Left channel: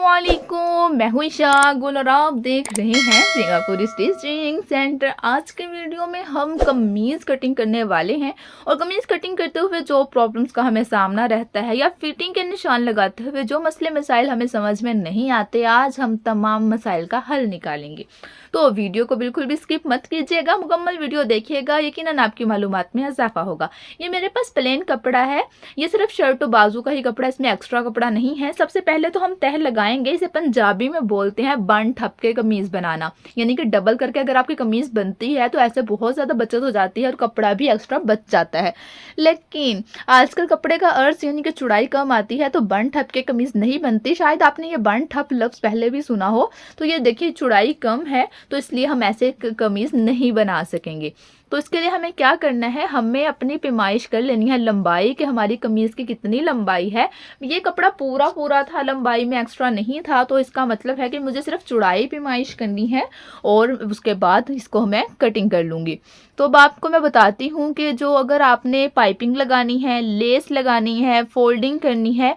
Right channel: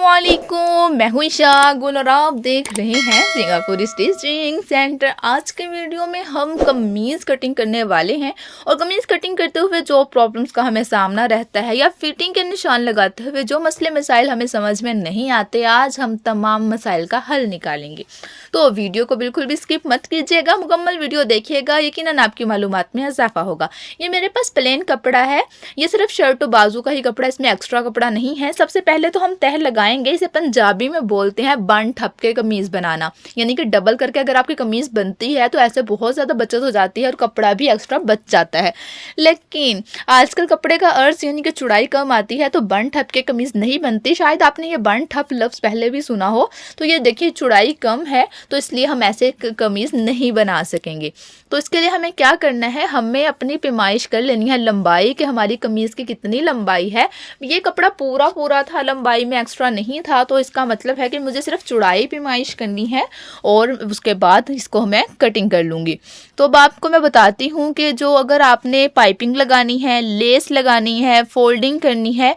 अस्सलामुअलैकुम, मैं हूँ ईशा गुल और आप देख रहे हैं सिंगापुर स्टिचिंग सेंटर। आज के वीडियो में हम कमीज़ कटिंग करने वाले हैं और कमीज़ कटिंग करते हुए जो प्रॉब्लम्स का हमें सामना रहता है या फिटिंग के निशान लगाते हुए जो मसले मसाइल हमें समझ में नहीं आते, आज हम तमाम मसाइल का हल निकालेंगे। तो वीडियो को बिल्कुल भी स्किप मत कीजिएगा, मुकम्मल वीडियो देखिएगा, यकीनन आपकी मालूमात में इजाफा होगा। ये मेरे पास प्लेन कपड़ा है, ये सिर्फ शर्ट और बाजू का ही कपड़ा, इसमें एक्स्ट्रा कपड़ा नहीं है। सबसे पहले तो हम तह लगाएंगे, इसे पंजाबी में बोलते हैं बन ठप के कमीज़ बनाना, यानी कि डबल करके अगर आपकी कमीज़ बनती है तो ऐसे बहुत ज़्यादा बचत हो जाती है और कपड़ा भी एक्स्ट्रा बच जाता है। लेकिन आजकल कपड़े का अर्ज यानी कि चौड़ाई कम आती है तो बन ठप के कमीज़ नहीं बनती। शायद आपने ये बन ठप लफ्ज़ पहले भी सुना हो। तो ये देखिए चौड़ाई कम है तो इसलिए हम ऐसे कमीज़ नहीं बना सकेंगे। तो इसके लिए हमें क्या करना है, हमें अपनी पैमाइश कर लेनी है लंबाई कि हमारी कमीज़ की कितनी लंबाई है। ये कपड़ा पूरा था, लंबाई में एक्स्ट्रा नहीं था, तो इसका मतलब है कि मुझे सिर्फ चौड़ाई पैमाइश करनी है और उसके बाद इसको मैं कटिंग कर लूँगी। तो अब आपको मैं बताती हूँ कि जो अगर आपने पाइपिंग लगानी है, लेस लगानी है, फोल्डिंग करनी है,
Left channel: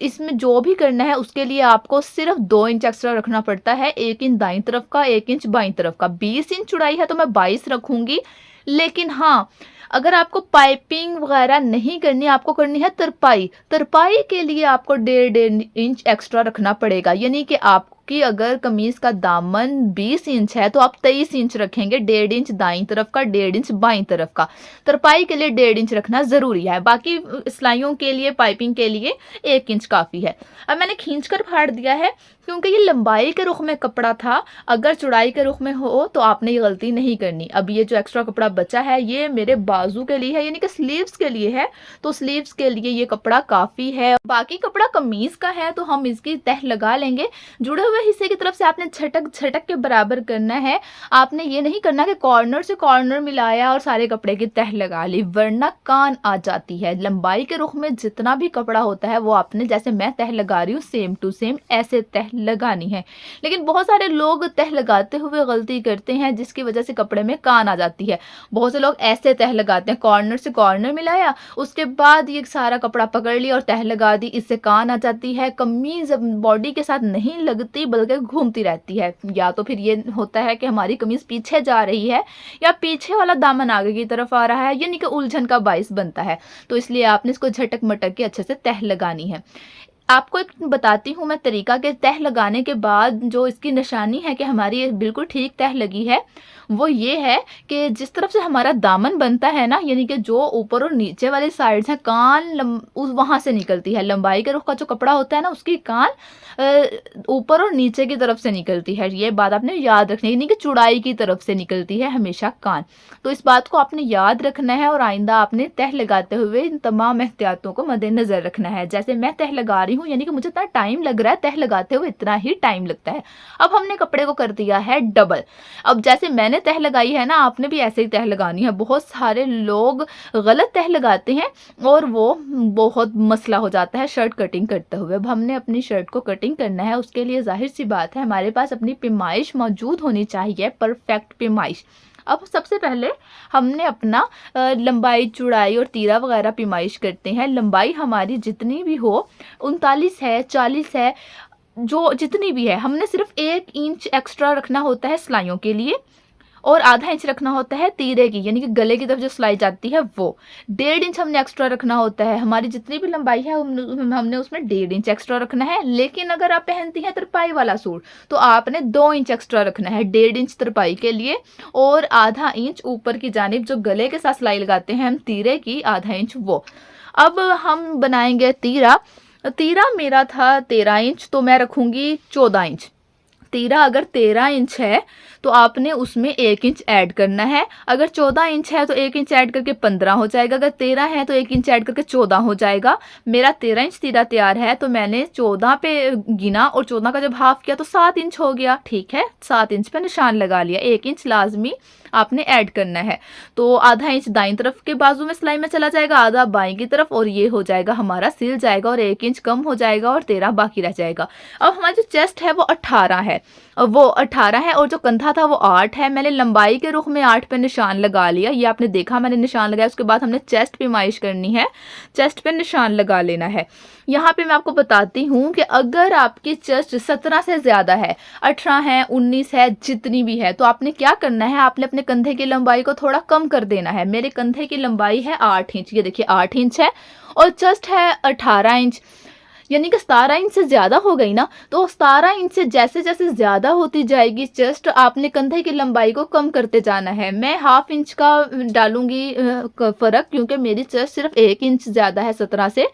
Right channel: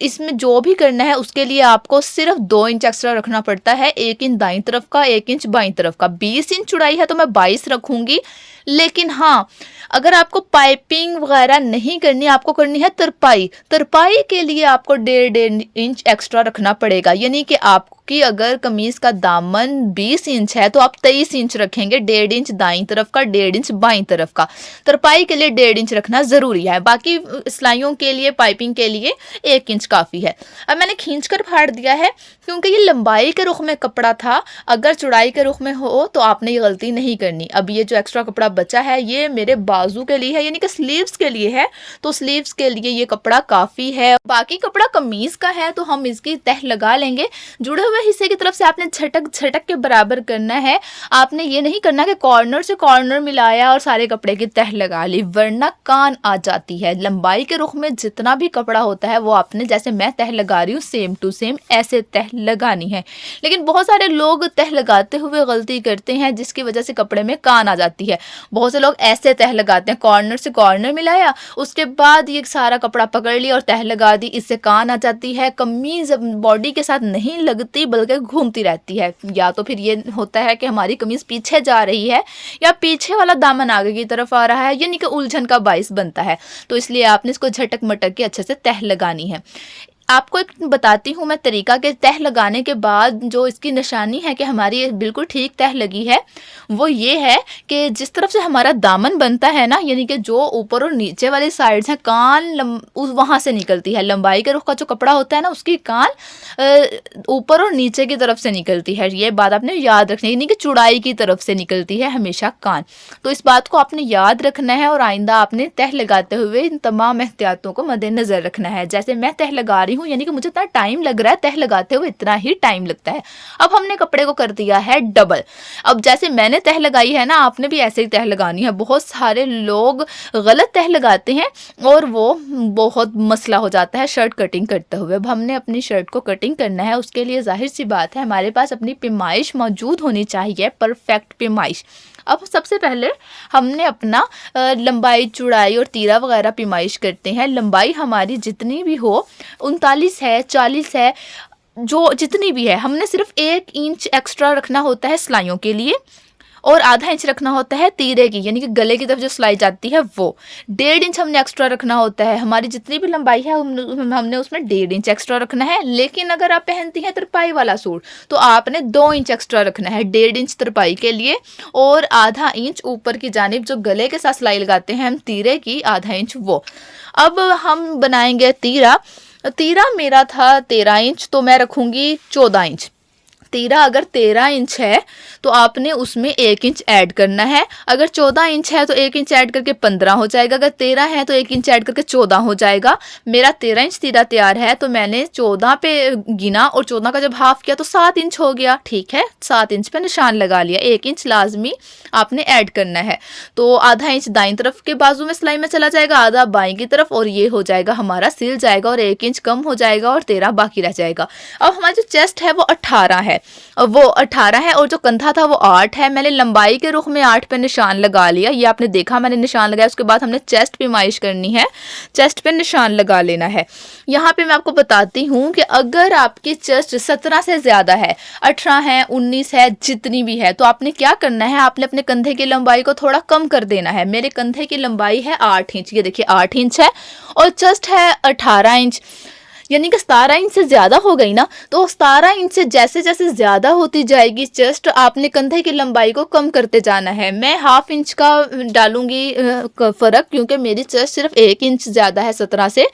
इसमें जो भी करना है उसके लिए आपको सिर्फ 2 इंच एक्स्ट्रा रखना पड़ता है। 1 इंच दाईं तरफ का, 1 इंच बाईं तरफ का। 20 इंच चौड़ाई है तो मैं 22 रखूँगी। लेकिन हाँ, अगर आपको पाइपिंग वगैरह नहीं करनी, आपको करनी है तरपाई, तरपाई के लिए आपको 1.5 इंच एक्स्ट्रा रखना पड़ेगा। यानी कि आपकी अगर कमीज़ का दामन 20 इंच है तो आप 23 इंच रखेंगे, 1.5 इंच दाईं तरफ का, 1.5 इंच बाईं तरफ का। तरपाई के लिए 1.5 इंच रखना ज़रूरी है, बाकी सिलाइयों के लिए, पाइपिंग के लिए 1 इंच काफ़ी है। अब मैंने खींच कर फाड़ दिया है क्योंकि ये लंबाई के रुख में कपड़ा था, अगर चौड़ाई के रुख में हो तो आपने ये गलती नहीं करनी। अब ये जो एक्स्ट्रा कपड़ा बचा है ये मेरे बाजू के लिए है, यानी कि स्लीव्स के लिए है, तो स्लीव्स के लिए ये कपड़ा काफ़ी है। बाकी कपड़ा कमीज़ का है तो हम इसकी तह लगा लेंगे। जुड़े हुए हिस्से की तरफ से आपने झटक के बराबर करना है। आपने ये नहीं करना कि कॉर्नर से कॉर्नर मिलाया और सारे कपड़े की तह लगा ली, वरना कान आ जाती है। लंबाई के रुख में जितना भी कपड़ा होता है वो आपने, जैसे मैं तह लगा रही हूँ, सेम टू सेम ऐसे तह लगानी है। लेकिन बहुत सारे लोग तह लगाते हुए गलती करते हैं जिसकी वजह से कपड़े में कान आ जाती है। बहुत से लोग ऐसे तह लगाते हैं, कॉर्नर से कॉर्नर मिलाया, उसके बाद ये सारा कपड़ा पकड़ लिया और तह लगा दी, इससे कान आ जाती है। कमीज़ बॉडी के साथ नहीं लगती बल्कि घूमती रहती है। या तो फिर ये होता है कि हमारी कमीज़ पीछे जा रही है या पीछे वाला दामन आगे की तरफ आ रहा है, यानी कि उलझन का बाइस बनता है। तो इसलिए आपने इसको झटक मटक के अच्छे से तह लगानी है। आपको एक बताती हूँ मैं तरीका के तह लगाने के बाद जो इसकी निशानी है कि हमारी बिल्कुल ठीक तह लगी है, वो ये है कि जिस तरफ से हमारा दामन बनता है ना, यानी कि जो ऊपर और नीचे वाली साइड्स हैं, कान वहाँ से निकलती है। लंबाई के रुख का जो कपड़ा होता है ना, उसकी कान ऊपर और नीचे की तरफ से निकलती है। ये बात आपने याद रखनी है, यानी कि चौड़ाई की तरफ से निकलती है हमेशा कान। तो इस बात को आपने याद रखना है और आइंदा आपने तह लगाते हुए इन तमाम एहतियातों को मद्देनजर रखना है। जैसे मैं तह लगा रही हूँ, यानी कि मुझे इतना टाइम लग रहा है, तह लगाते हुए इतना ही टाइम लगता है। अब हमने कपड़े को कर दिया है डबल। अब जैसे मैंने तह लगाई है ना, आपने भी ऐसे ही तह लगानी है। बहुत सारे लोग गलत तह लगाते हैं और वो बहुत मसला हो जाता है शर्ट कटिंग करते हुए। अब हमने अपनी शर्ट को कटिंग करना है, उसके लिए जाहिर सी बात है हमारे पास अपनी पैमाइश मौजूद होनी चाहिए, परफेक्ट पैमाइश। अब सबसे पहले हमने अपना लंबाई, चौड़ाई और तीरा वगैरह पैमाइश करते हैं। लंबाई हमारी जितनी भी हो, 39 है, 40 है, जो जितनी भी है, हमने सिर्फ 1 इंच एक्स्ट्रा रखना होता है सिलाइयों के लिए और आधा इंच रखना होता है तीरे की, यानी कि गले की तरफ जो सिलाई जाती है वो। 1.5 इंच हमने एक्स्ट्रा रखना होता है। हमारी जितनी भी लंबाई है हमने उसमें 1.5 इंच एक्स्ट्रा रखना है। लेकिन अगर आप पहनती हैं तरपाई वाला सूट तो आपने 2 इंच एक्स्ट्रा रखना है, 1.5 इंच तरपाई के लिए और आधा इंच ऊपर की जानिब जो गले के साथ सिलाई लगाते हैं हम तीरे की, आधा इंच वो। अब हम बनाएंगे तीरा। तीरा मेरा था 13 इंच तो मैं रखूँगी 14 इंच। तीरा अगर 13 इंच है तो आपने उसमें 1 इंच ऐड करना है। अगर 14 इंच है तो 1 इंच ऐड करके 15 हो जाएगा। अगर 13 है तो 1 इंच ऐड करके 14 हो जाएगा। मेरा 13 इंच तीरा तैयार है तो मैंने 14 पे गिना और 14 का जब हाफ किया तो 7 इंच हो गया। ठीक है, 7 इंच पे निशान लगा लिया। 1 इंच लाजमी आपने ऐड करना है। तो आधा इंच दाईं तरफ के बाजू में सिलाई में चला जाएगा, आधा बाईं की तरफ, और ये हो जाएगा हमारा सिल जाएगा और 1 इंच कम हो जाएगा और 13 बाकी रह जाएगा। अब हमारा जो चेस्ट है वो 18 है। वो 18 है और जो कंधा था वो 8 है। मैंने लंबाई के रुख में 8 पे निशान लगा लिया, ये आपने देखा मैंने निशान लगाया। उसके बाद हमने चेस्ट पे माइश करनी है, चेस्ट पे निशान लगा लेना है। यहाँ पे मैं आपको बताती हूँ कि अगर आपकी चेस्ट 17 से ज़्यादा है, 18 है, 19 है, जितनी भी है, तो आपने क्या करना है, आपने अपने कंधे की लंबाई को थोड़ा कम कर देना है। मेरे कंधे की लंबाई है 8 इंच, ये देखिए 8 इंच है, और चेस्ट है 18 इंच, यानी कि 17 इंच से ज़्यादा हो गई ना। तो 17 इंच से जैसे जैसे ज़्यादा होती जाएगी चेस्ट, आपने कंधे की लंबाई को कम करते जाना है। मैं हाफ इंच का डालूंगी फ़र्क, क्योंकि मेरी चेस्ट सिर्फ 1 इंच ज़्यादा है 17 से,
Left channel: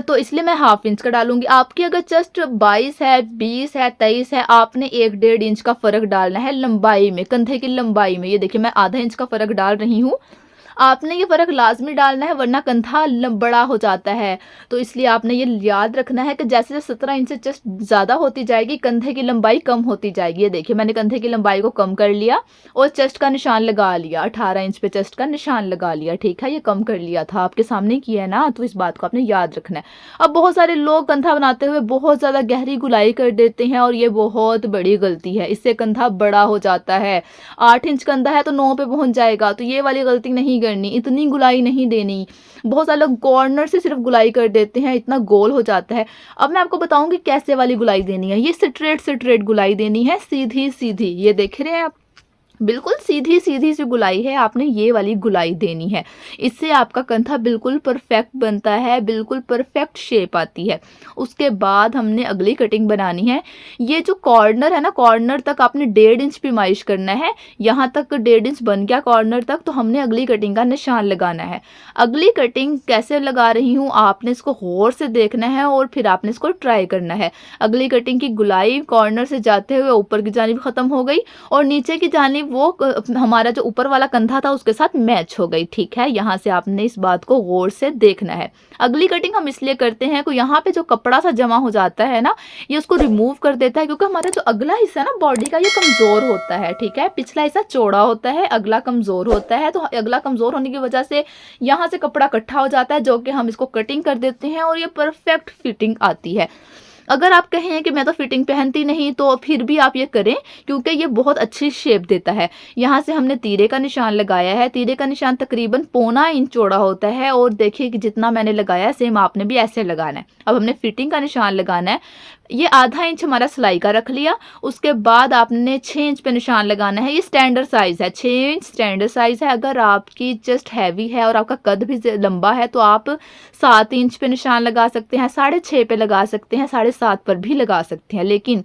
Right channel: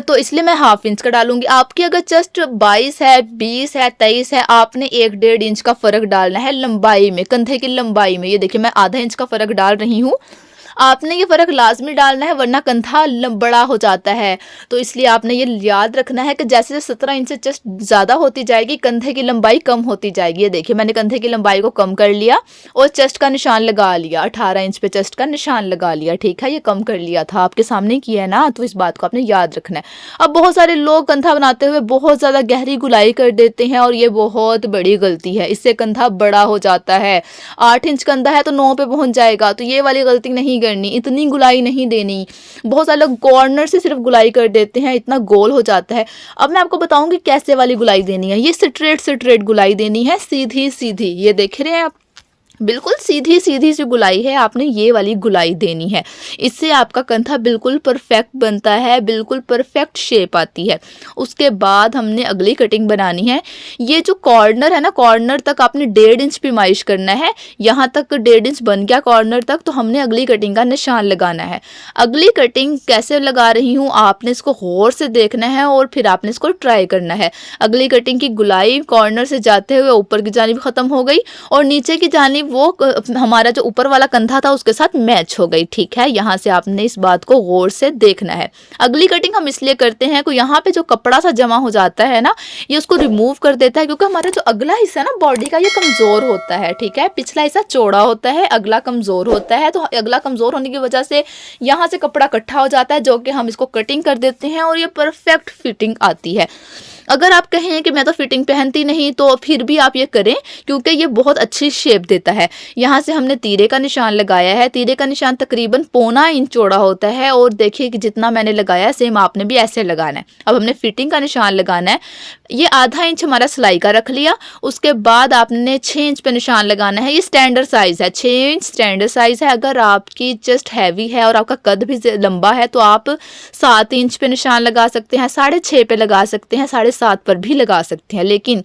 तो इसलिए मैं हाफ इंच का डालूंगी। आपकी अगर चेस्ट 22 है, 20 है, 23 है, आपने 1-1.5 इंच का फ़र्क डालना है लंबाई में, कंधे की लंबाई में। ये देखिए मैं आधा इंच का फ़र्क डाल रही हूँ, आपने ये फ़र्क लाजमी डालना है, वरना कंधा बड़ा हो जाता है। तो इसलिए आपने ये याद रखना है कि जैसे जैसे 17 इंच से चेस्ट ज़्यादा होती जाएगी, कंधे की लंबाई कम होती जाएगी। ये देखिए मैंने कंधे की लंबाई को कम कर लिया और चेस्ट का निशान लगा लिया, 18 इंच पे चेस्ट का निशान लगा लिया। ठीक है, ये कम कर लिया था, आपके सामने किया है ना, तो इस बात को आपने याद रखना है। अब बहुत सारे लोग कंधा बनाते हुए बहुत ज़्यादा गहरी गुलाई कर देते हैं, और ये बहुत बड़ी गलती है, इससे कंधा बड़ा हो जाता है। 8 इंच कंधा है तो 9 पे पहुंच जाएगा, तो ये वाली गलती नहीं करनी, इतनी गुलाई नहीं देनी। बहुत सारे लोग कॉर्नर से सिर्फ गुलाई कर देते हैं, इतना गोल हो जाता है। अब मैं आपको बताऊंगी कैसे वाली गुलाई देनी है। ये स्ट्रेट स्ट्रेट गुलाई देनी है, सीधी सीधी, ये देख रहे हैं आप, बिल्कुल सीधी सीधी सी गुलाई है, आपने ये वाली गुलाई देनी है। इससे आपका कंधा बिल्कुल परफेक्ट बनता है, बिल्कुल परफेक्ट शेप आती है। उसके बाद हमने अगली कटिंग बनानी है। ये जो कॉर्नर है ना, कॉर्नर तक आपने 1.5 इंच पिमाइश करना है। यहाँ तक 1.5 इंच बन गया कॉर्नर तक, तो हमने अगली कटिंग का निशान लगाना है। अगली कटिंग कैसे लगा रही हूँ, आपने इसको गौर से देखना है और फिर आपने इसको ट्राई करना है। अगली कटिंग की गुलाई कॉर्नर से जाते हुए ऊपर की जानिब खत्म हो गई, और नीचे की जानिब वो हमारा जो ऊपर वाला कंधा था उसके साथ मैच हो गई। ठीक है, यहाँ से आपने इस बात को गौर से देखना है। अगली कटिंग हम इसलिए करते हैं कि यहाँ पे जो कपड़ा सा जमा हो जाता है ना, ये उसको रिमूव कर देता है, क्योंकि हमारा जो अगला हिस्सा है ना बॉडी का, ये कमजोर होता है। ठीक है, पिछला हिस्सा चौड़ा होता है, अगला कमजोर होता है, तो अगला कमजोर होने की वजह से यहाँ से कपड़ा इकट्ठा हो जाता है, जो कि हम इसको कटिंग कर देते हैं और ये परफेक्ट फिटिंग आती है। अगर आप कहें कि मैं तो फिटिंग पहनती नहीं, तो फिर भी आप ये करें, क्योंकि ये बहुत अच्छी शेप देता है। यहाँ से हमने तीरे का निशान लगाया है, तीरे का निशान तकरीबन 1.25 इंच चौड़ा होता है, और देखिए कि जितना मैंने लगाया है सेम आपने भी ऐसे लगाना है। अब हमने फिटिंग का निशान लगाना है। ये आधा इंच हमारा सिलाई का रख लिया, उसके बाद आपने 6 इंच पे निशान लगाना है। ये स्टैंडर्ड साइज़ है, 6 इंच स्टैंडर्ड साइज़ है। अगर आपकी चेस्ट हैवी है और आपका कद भी लंबा है, तो आप 7 इंच पे निशान लगा सकते हैं, 6.5 पे लगा सकते हैं, 7.5 पर भी लगा सकते हैं। लेकिन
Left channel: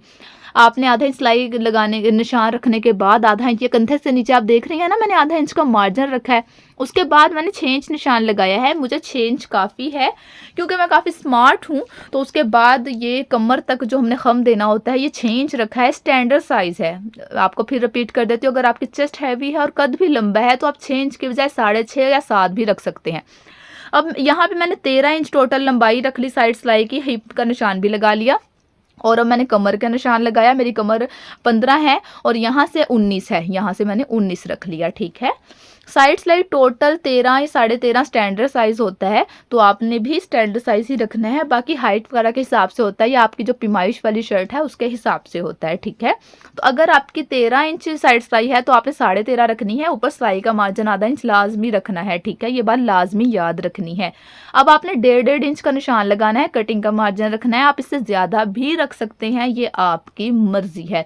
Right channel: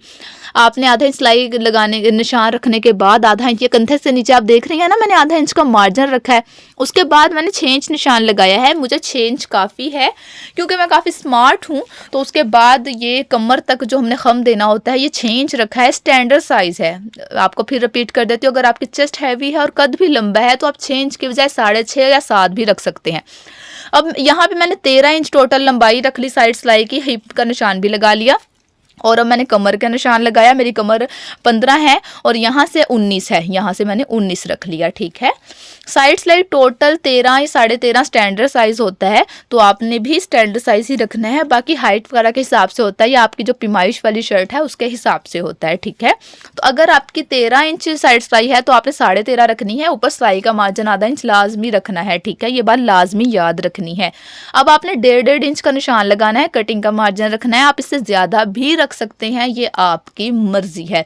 आपने आधा इंच सिलाई लगाने निशान रखने के बाद आधा इंच, ये कंधे से नीचे आप देख रही हैं ना, मैंने आधा इंच का मार्जिन रखा है। उसके बाद मैंने 6 इंच निशान लगाया है। मुझे 6 इंच काफ़ी है, क्योंकि मैं काफ़ी स्मार्ट हूँ। तो उसके बाद ये कमर तक जो हमने खम देना होता है, ये 6 इंच रखा है, स्टैंडर्ड साइज़ है। आपको फिर रिपीट कर देती हूँ, अगर आपकी चेस्ट हैवी है और कद भी लंबा है, तो आप 6 इंच की बजाय 6.5 या 7 भी रख सकते हैं। अब यहाँ पे मैंने 13 इंच टोटल लंबाई रख ली, साइड सिलाई की, हिप का निशान भी लगा लिया, और अब मैंने कमर का निशान लगाया। मेरी कमर 15 है और यहाँ से 19 है, यहाँ से मैंने 19 रख लिया। ठीक है, साइड सिलाई टोटल 13 या 13.5 स्टैंडर्ड साइज़ होता है, तो आपने भी स्टैंडर्ड साइज़ ही रखना है। बाकी हाइट वगैरह के हिसाब से होता है, या आपकी जो पिमाइश वाली शर्ट है उसके हिसाब से होता है। ठीक है, तो अगर आपकी 13 इंच साइड सिलाई है, तो आपने 13.5 रखनी है। ऊपर सिलाई का मार्जिन आधा इंच लाजमी रखना है। ठीक है, ये बात लाजमी याद रखनी है। अब आपने 1.5 इंच का निशान लगाना है, कटिंग का मार्जिन रखना है। आप इससे ज़्यादा भी रख सकते हैं, ये आपकी मर्जी है।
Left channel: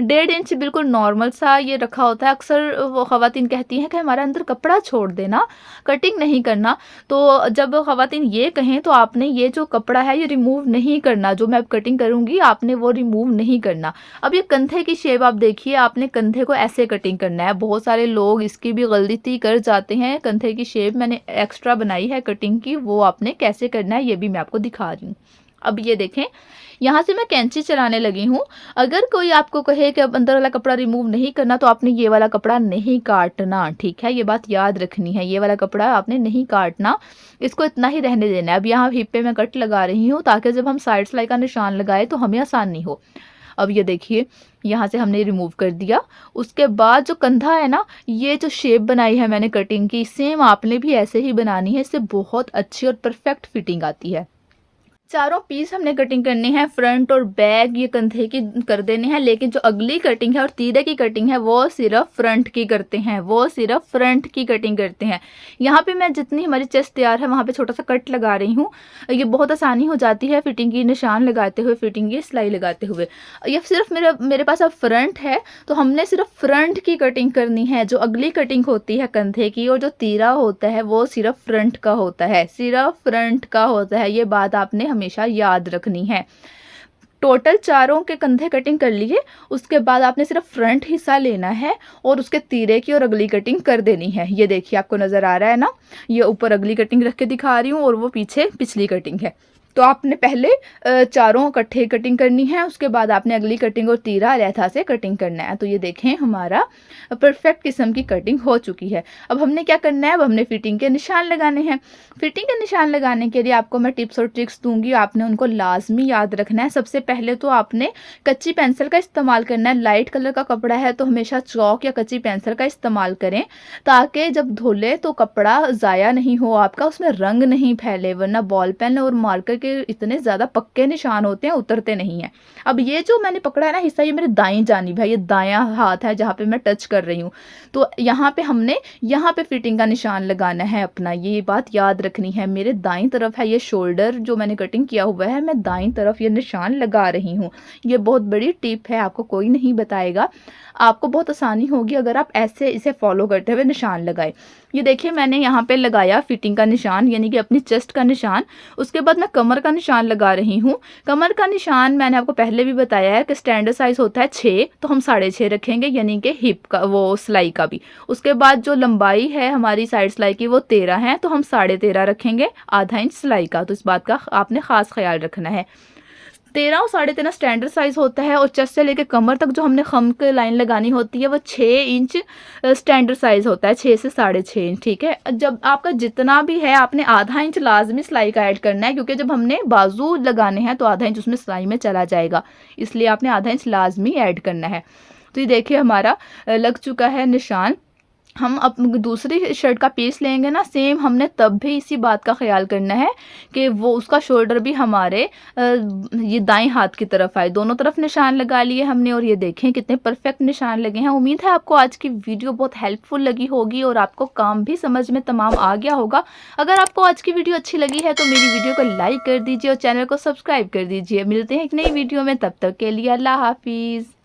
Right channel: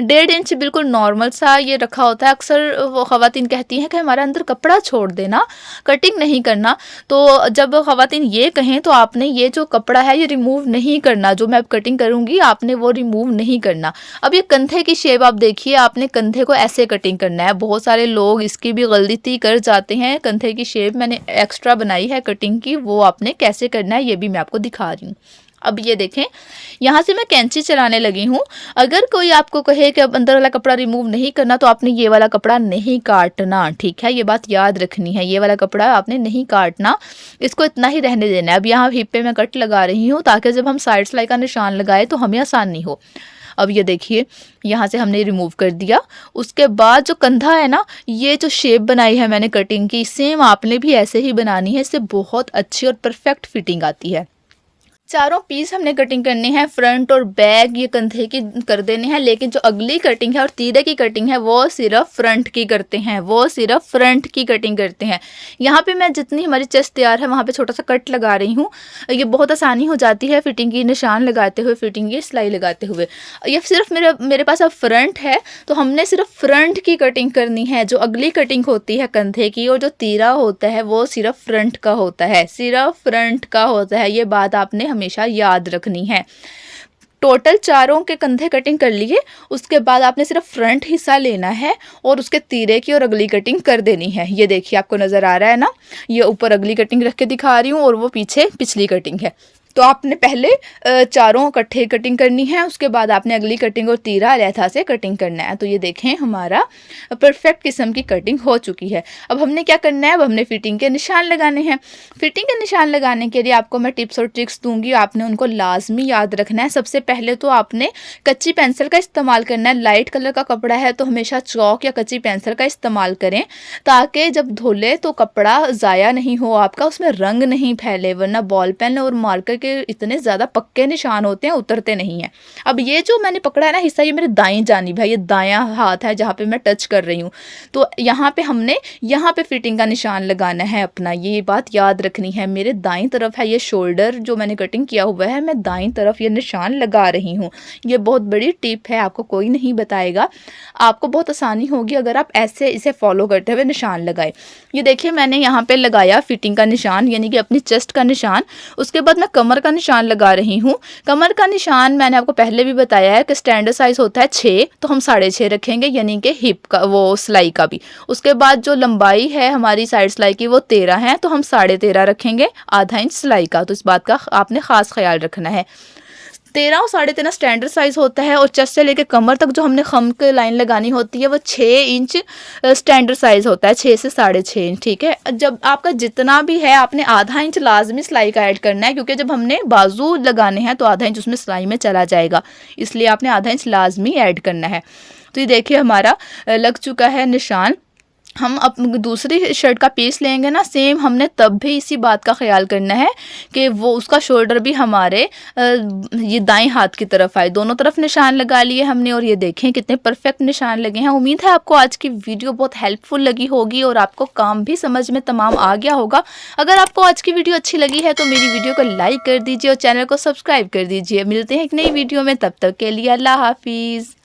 1.5 इंच बिल्कुल नॉर्मल सा ये रखा होता है। अक्सर वो ख़वातीन कहती हैं कि हमारे अंदर कपड़ा छोड़ देना, कटिंग नहीं करना। तो जब ख़वातीन ये कहें, तो आपने ये जो कपड़ा है ये रिमूव नहीं करना, जो मैं अब कटिंग करूँगी आपने वो रिमूव नहीं करना। अब ये कंधे की शेप आप देखिए, आपने कंधे को ऐसे कटिंग करना है। बहुत सारे लोग इसकी भी गलती कर जाते हैं। कंधे की शेप मैंने एक्स्ट्रा बनाई है कटिंग की, वो आपने कैसे करना है ये भी मैं आपको दिखा रही हूँ। अब ये देखें, यहाँ से मैं कैंची चलाने लगी हूँ। अगर कोई आपको कहे कि अब अंदर वाला कपड़ा रिमूव नहीं करना, तो आपने ये वाला कपड़ा नहीं काटना। ठीक है, ये बात याद रखनी है, ये वाला कपड़ा आपने नहीं काटना, इसको इतना ही रहने देना है। अब यहाँ हिप पे मैं कट लगा रही हूँ, ताकि जब हम साइड सिलाई का निशान लगाए तो हमें आसानी हो। अब ये देखिए, यहाँ से हमने रिमूव कर दिया। उसके बाद जो कंधा है ना, ये जो शेप बनाई है मैंने कटिंग की, सेम आपने भी ऐसे ही बनानी है। इससे बहुत अच्छी और परफेक्ट फिटिंग आती है। चारों पीस हमने कटिंग करनी है, फ्रंट और बैक ये कंधे की कर देने हैं, लेकिन जो अगली कटिंग है और तीरे की कटिंग है वो सिर्फ फ्रंट की करते हैं, वो सिर्फ फ्रंट की कटिंग करते हैं। यहाँ पे मैं जितनी हमारी चेस्ट तैयार है वहाँ पे छोटा सा कट लगा रही हूँ। ये बहुत आसानी हो जाती है फिटिंग की निशान लगाते हुए, फिटिंग की सिलाई लगाते हुए। ये सिर्फ मेरे मेरे पास अब फ्रंट है, तो हमने सिर्फ फ्रंट की कटिंग करनी है। जो अगली कटिंग होती है कंधे की और जो तीरा होता है वो सिर्फ फ्रंट का होता है, सिर्फ फ्रंट का होता है। ये बात आपने हमेशा याद रखनी है। टोटल चारों के कंधे कटिंग कर लिए, उसके बाद आपने सिर्फ फ्रंट हिस्सा लेना है और उसके तीरे की और अगली कटिंग कर देनी है। ये देखिए आपको नज़र आ रहा है ना, ये ऊपर अगली कटिंग रख के दिखा रही हूँ और वो पीछे पिछली कटिंग है। तो आपने पहले चारों इकट्ठे कटिंग करनी है, उसके बाद आपने अगली कटिंग और तीरा लेथा से कटिंग करना है। तो ये देखें हमारा परफेक्ट किस्म की कटिंग हो चुकी है। अब हमने क्या करना है, अब हमने फिटिंग के निशान लगाने हैं। फिटिंग के निशान लगाने के लिए आपको मैं टिप्स और ट्रिक्स दूंगी, आपने उनको लाजमी याद रखना है। सबसे पहले तो आपने कच्ची पेंसिल का इस्तेमाल करना है। लाइट कलर का कपड़ा है तो हमेशा चौक या कच्ची पेंसिल का इस्तेमाल करें, ताकि जब धुले तो कपड़ा ज़ाया नहीं हो आपका, उसमें रंग नहीं फैले, वरना बॉल पेन और मार्कर के इतने ज़्यादा पक्के निशान होते हैं, उतरते नहीं हैं। अब ये जो मैंने पकड़ा है ना हिस्सा, ये मेरे दाएं जानिब है, ये दायां हाथ है जहाँ पे मैं टच कर रही हूँ। तो यहाँ पे हमने यहाँ पे फिटिंग का निशान लगाना है अपना, ये बात याद रखनी है। मेरे दाईं तरफ है ये शोल्डर जो मैंने कटिंग किया हुआ है, मैं दाईं तरफ ये निशान लगा रही हूँ। ये बहुत बड़ी टिप है, आपको कोई नहीं बताएगा, आपको बहुत आसानी होगी अगर आप ऐसे इसे फॉलो करते हुए निशान लगाए। ये देखिए मैंने यहाँ पे लगाया फिटिंग का निशान, यानी कि अपनी चेस्ट का निशान। उसके बाद मैं कमर का निशान लगा रही हूँ। कमर का निशान मैंने आपको पहले भी बताया है कि स्टैंडर्ड साइज होता है 6, तो हम 6.5 रखेंगे, यानी कि हिप का वो सिलाई का भी। उसके बाद जो लंबाई है हमारी साइड सिलाई की वो 13 है, तो हम 13.5 रखेंगे, आधा इंच सिलाई का। तो इस बात का आपने खास ख्याल रखना है। 13 और 13.5 स्टैंडर्ड साइज होता है, और चेस्ट से लेकर कमर तक जो हमने खम की लाइन लगानी होती है वो 6 इंच स्टैंडर्ड साइज होता है, 6 से 6.5 इंच। ठीक है, जब आपका जितना भी है आपने आधा इंच लाजमी सिलाई का ऐड करना है, क्योंकि जब हमने बाजू लगाने हैं तो आधा इंच उसमें सिलाई में चला जाएगा, इसलिए आपने आधा इंच लाजमी ऐड करना है। तो ये देखिए हमारा लग चुका है निशान। हम अपनी दूसरी शर्ट का पीस लेंगे ना, सेम हमने तब भी इसी बात का ख्याल करना है कि वो उसका शोल्डर भी हमारे ये दाएं हाथ की तरफ आए। दोनों तरफ निशान लगा लिए हमने, और ये देखें कितने परफेक्ट निशान लगे हैं। उम्मीद है आपको आज की वीडियो बहुत हेल्पफुल लगी होगी और आपको काम भी समझ में तमाम आ गया होगा। अगर आपको आज की वीडियो अच्छी लगी है तो मेरी वीडियो को लाइक कर दीजिए और चैनल को सब्सक्राइब कर दीजिए। मिलते हैं एक नई वीडियो में, तब तक के लिए अल्लाह हाफिज़।